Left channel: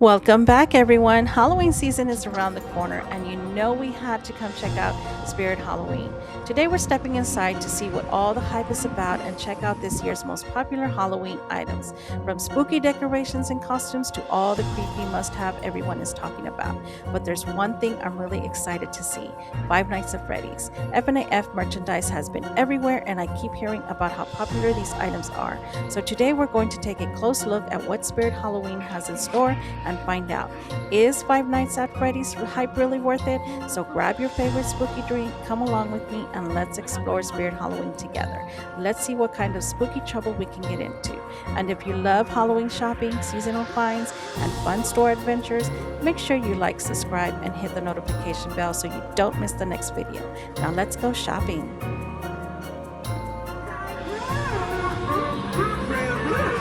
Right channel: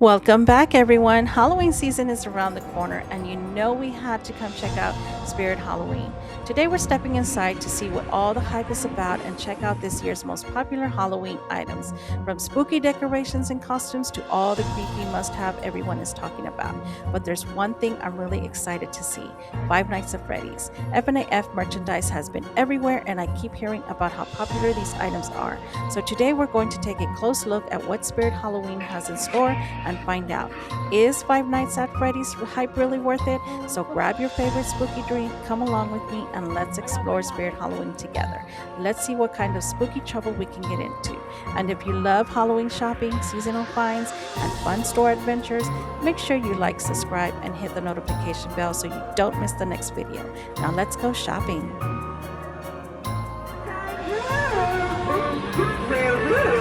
Welcome back, everyone. Halloween season is around the corner, and you know we had to come check out Spirit Halloween. Today, we're stepping inside to see what all the hype is about and check out this year's most popular Halloween items, from spooky decorations and costumes to all the creepy must have everyone is talking about. But there's one thing I'm really excited to see: Five Nights at Freddy's. FNAF merchandise has been everywhere, and I keep hearing about how popular these items are. So, today, we're going to take a close look at what Spirit Halloween has in store and find out, is Five Nights at Freddy's hype really worth it? So grab your favorite spooky drink, come along with me, and let's explore Spirit Halloween together. Let's see what kind of spooky trouble we can get into. And if you love Halloween shopping, seasonal finds, and fun store adventures, make sure you like, subscribe, and hit the notification bell so you don't miss the next video. Now let's go shopping.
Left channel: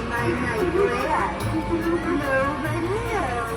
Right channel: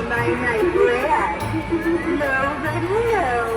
My bread. Love and love.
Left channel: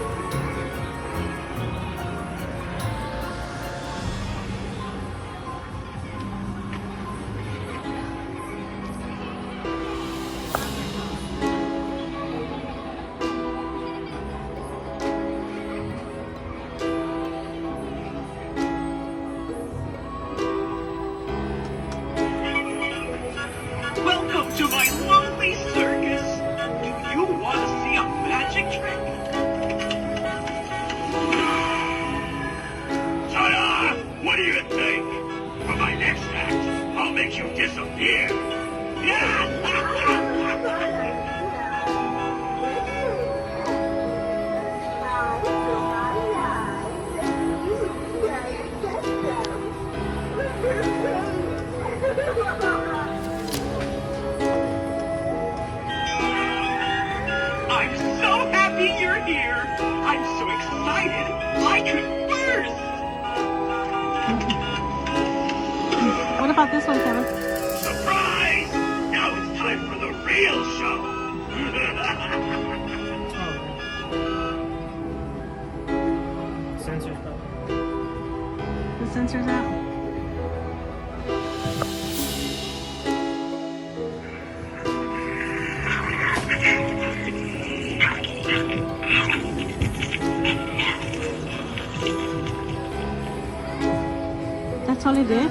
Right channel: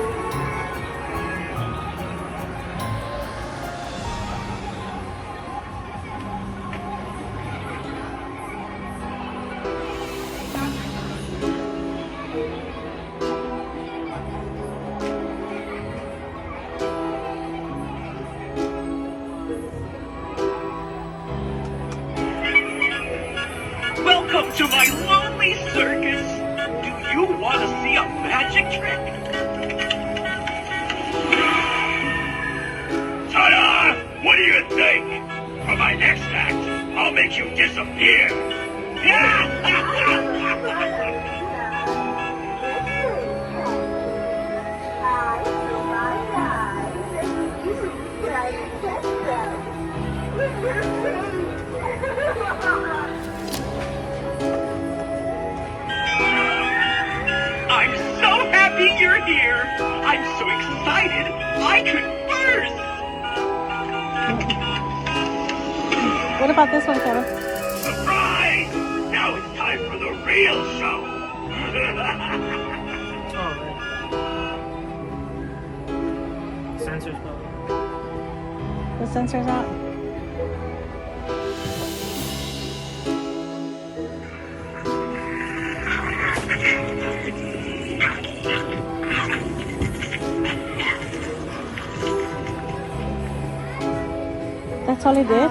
Welcome to my lonely circus. Do you want to see a magic trick? Ta-da! What do you think? For my next act, I'll make you disappear. I'm so happy you're here. I'm so excited, I could burst. What about this one, Kevin? Surprise! Now it's time for the real show. Sensors though. The sensor's out. That's all he did?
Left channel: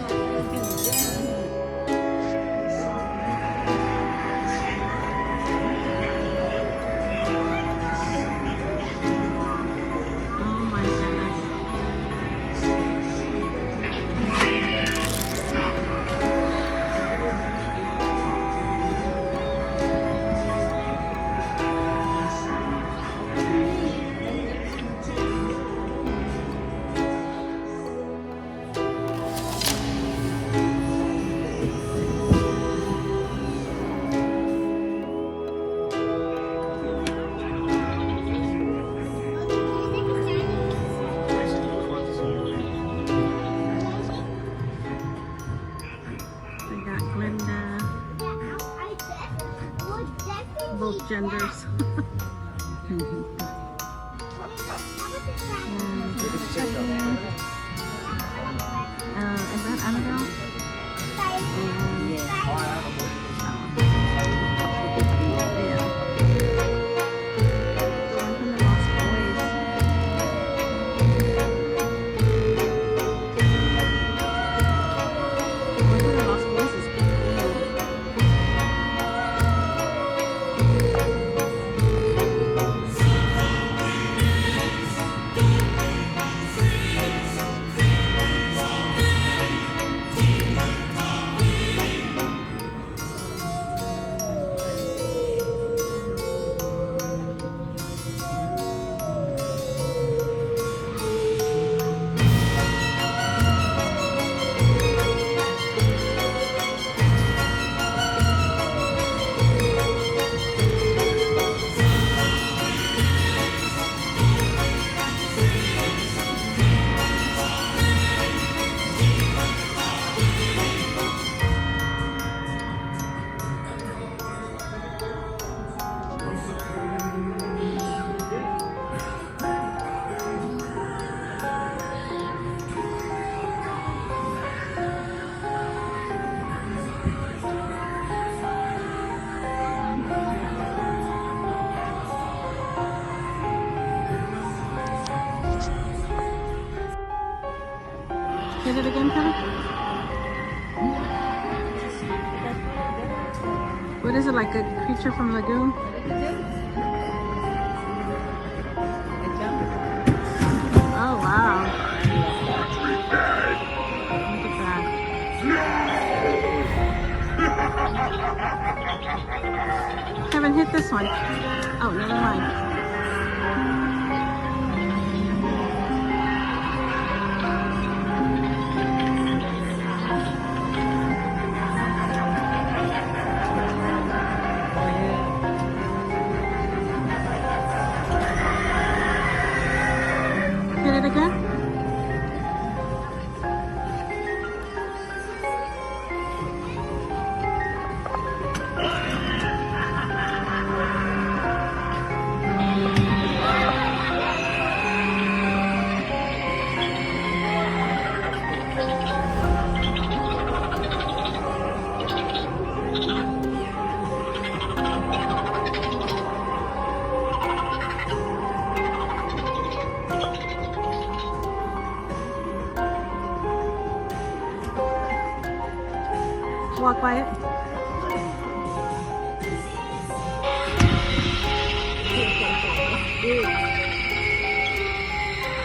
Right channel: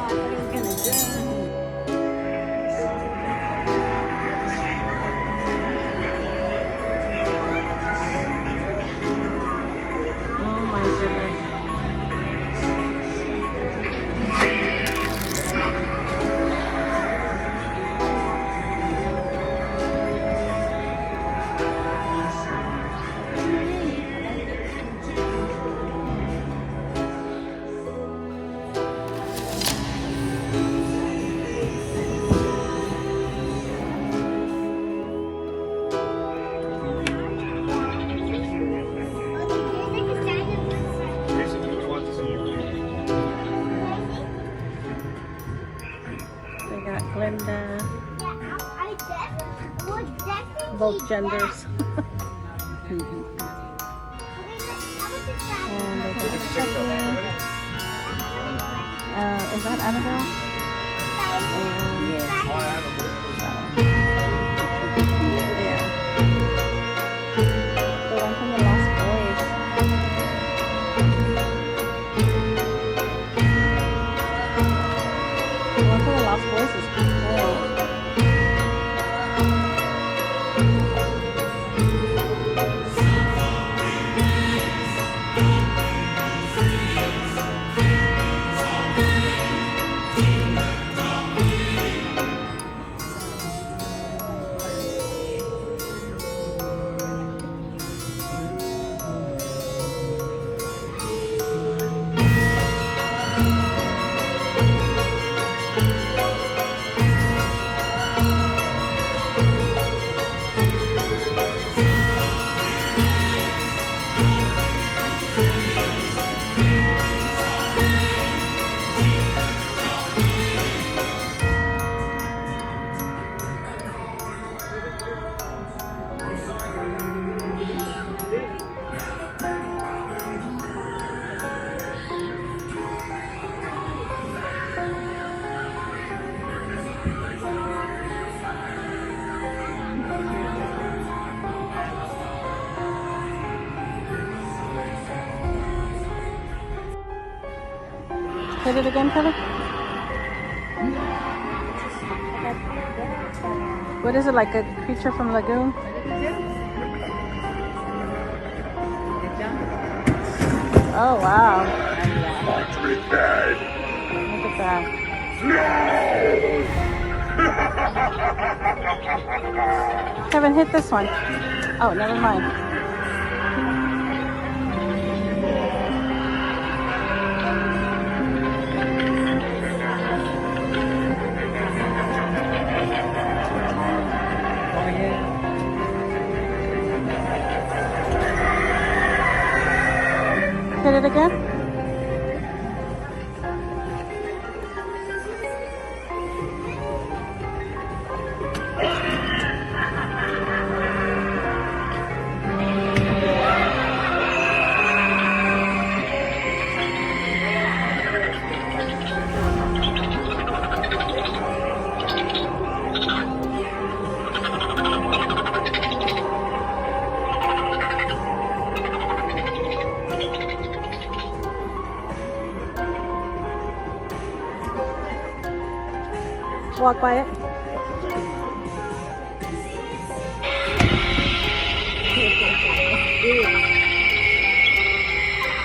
Oh my goodness. They got Glinda, both genders. And they got Chucky. Is that Annabelle? And yeah. The one from the Lost Boys. The one from the Lost Boys is cool. Hit it again, Kelly. What is it, like a creature from Lagoon? Oh, wow. Look at that. Kevin, hit this one. Oh, never mind. Hit it again. Walk by it.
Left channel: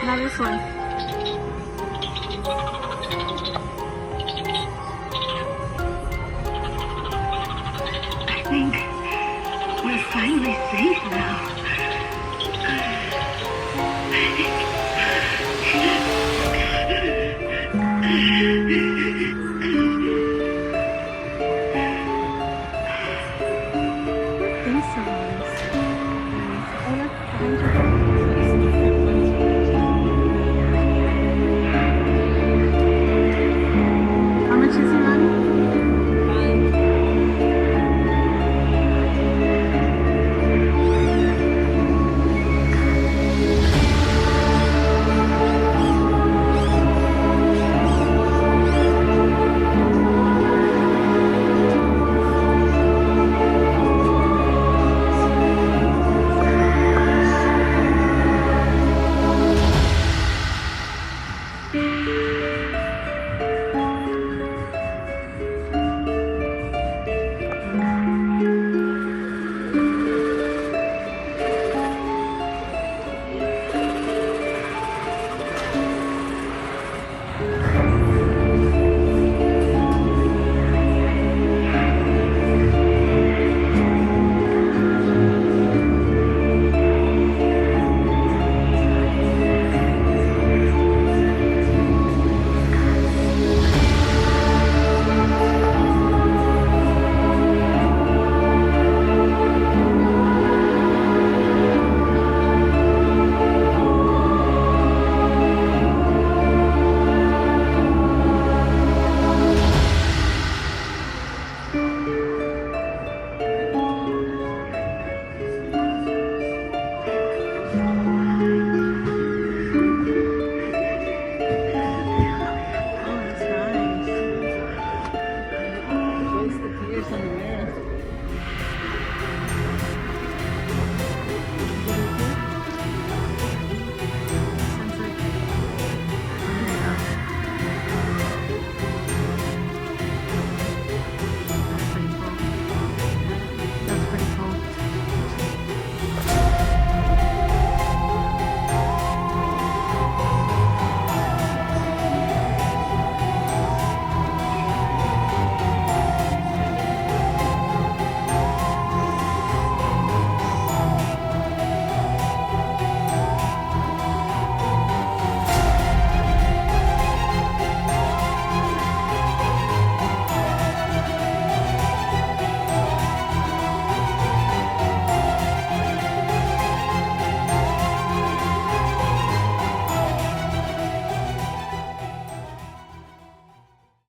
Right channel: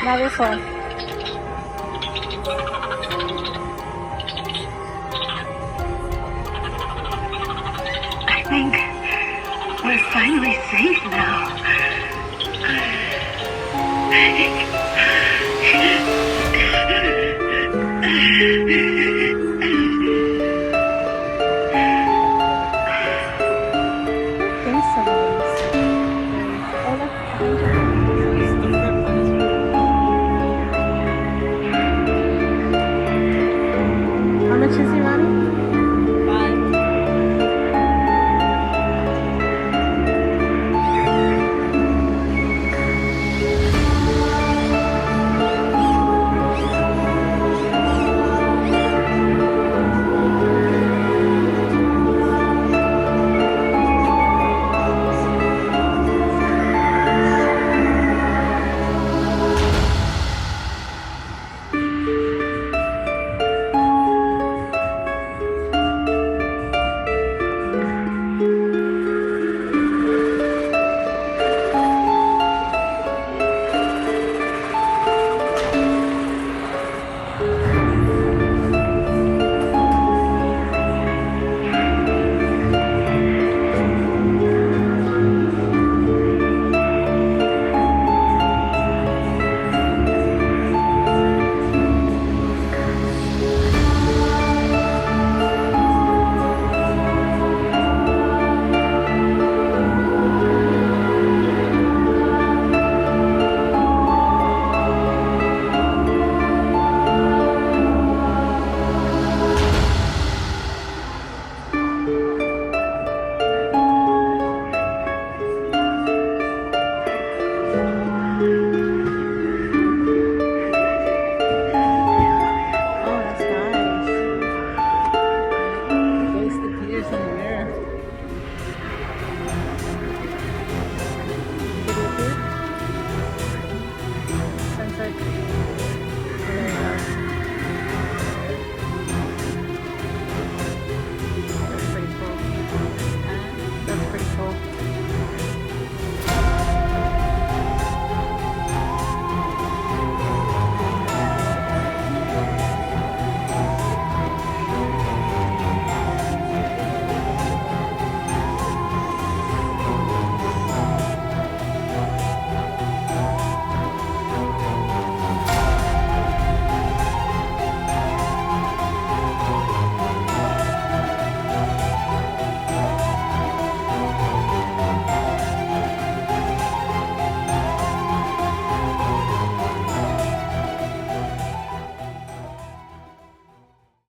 Now this one. I think we're finally safe now. Think so. Oh, look, behind you.